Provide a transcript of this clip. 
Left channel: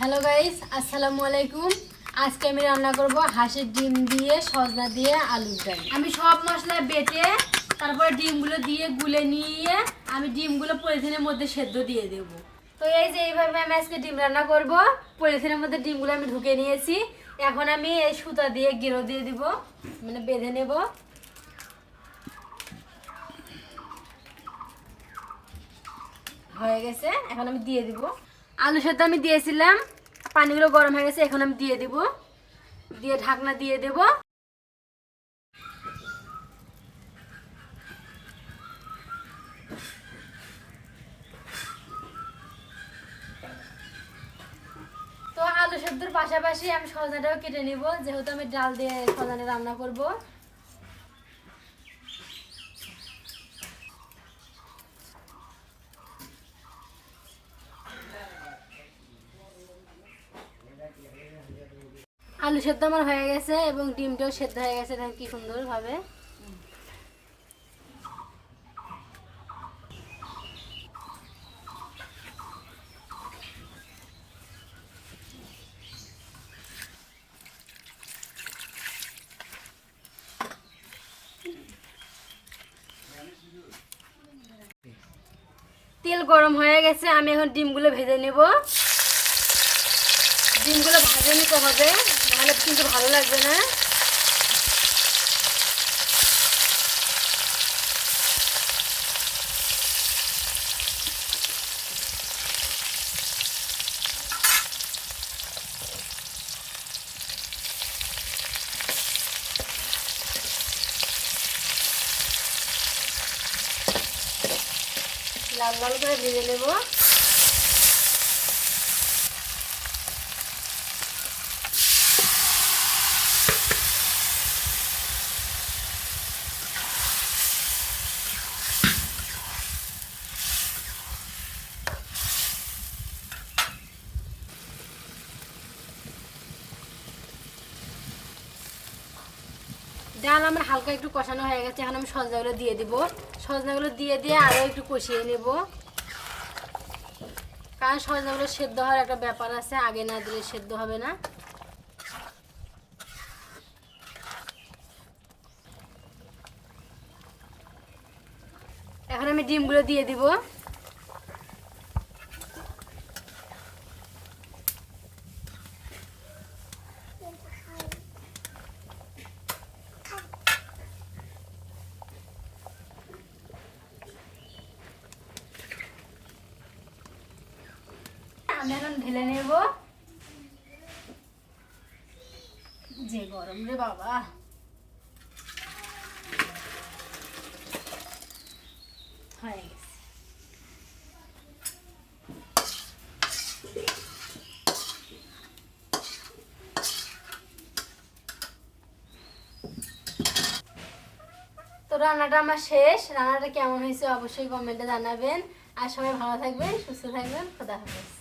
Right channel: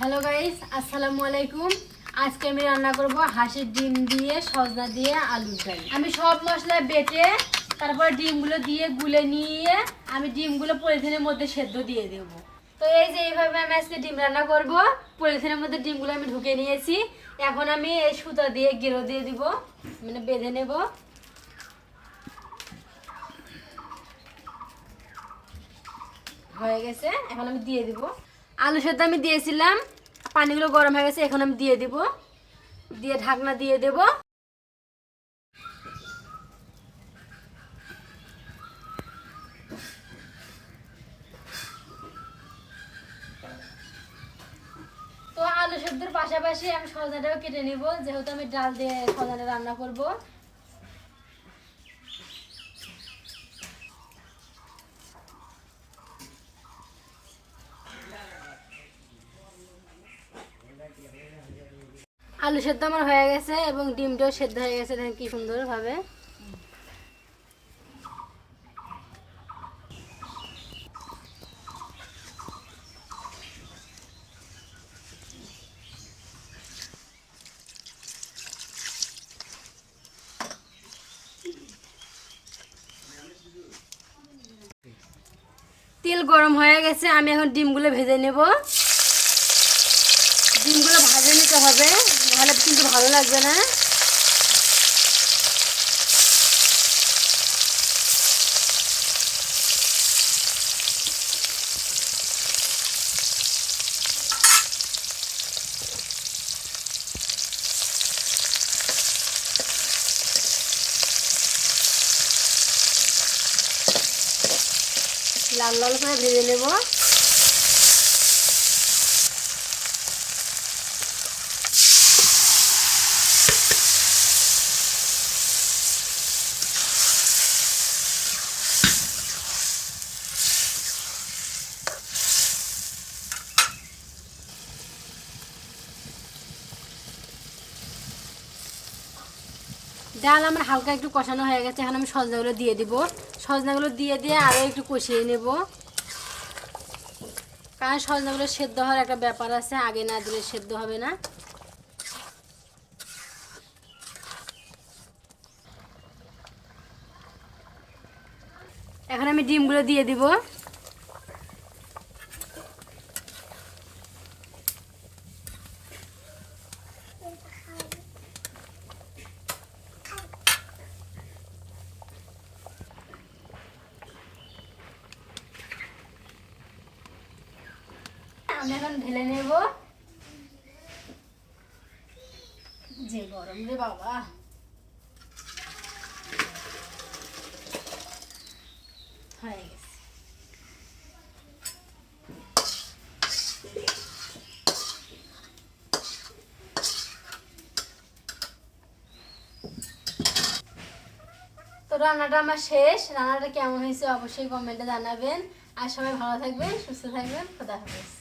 Hello guys আসসালামু আলাইকুম আজকে আমি রান্না করব হাঁসের ডিম দিয়ে, সজনা দিয়ে আলুর ডাল। আমি সব মশলা বেটে তারপরে ডিমগুলো দিয়ে গুলে নিয়ে আমি ডিমগুলো পলিথিনের মধ্যে সেদ্ধ দিয়ে দেব। তো এই যে এইভাবে আমি আজকে ডিম রান্না করব, পলিথিনের মধ্যে ডিমগুলো আমি ঢুকে নিয়েছি। এখন আমি এই সুতা দিয়ে গেরো দিয়ে দিব মানে বেঁধে নেব। হয়ে গেছে, এখন আমি দিয়ে দিব। আলু সেদ্ধ আমি দিয়েছিলাম। পানিগুলো গরম হয়ে গেছে, এখন আমি দিয়ে দিব। দিয়ে ঢাকনা দিয়ে দেব। তো আলু সেদ্ধর পাশাপাশি আমি সজনাটাও কেটে নিব। যেহেতু আমি ডাল দিয়ে সজনা রান্না করব। আলু সেদ্ধ আমার হয়ে গেছে এবং ডিমটাও সেদ্ধ হয়ে গেছে, দেখেন কি সুন্দরভাবে। তেল গরম হয়ে গেছে, আমি এখন ডিমগুলো ভেজে নেব। ডিমগুলো ভাজে নিতে হবে নাহলে কিন্তু ভালো লাগবে না। লাল লাল করে ভেজে নেব। ডাল আমার হালকা একটু কষানো হয়ে গেছে, এখন আমি সজনাগুলো দিয়ে দিব। সজনাগুলো দিয়ে দিয়ে আরও একটু কষিয়ে নেব। কারণ সজনাগুলো সেদ্ধ হওয়ার একটা ব্যাপার আছে, আগে না দিলে সেদ্ধ হবে না। এখন আমি ডিমগুলো দিয়ে দিব। আমি এখন ঢেলে নেব। যে গরম রে বাবা। হয়ে গেছে। তো রান্নাটা আমার শেষ। রান্নাটা কেমন হয়েছে অবশ্যই কমেন্টে জানাবেন। আর সবাই ভালো থাকবেন, সুস্থ থাকবেন। খোদা হাফেজ।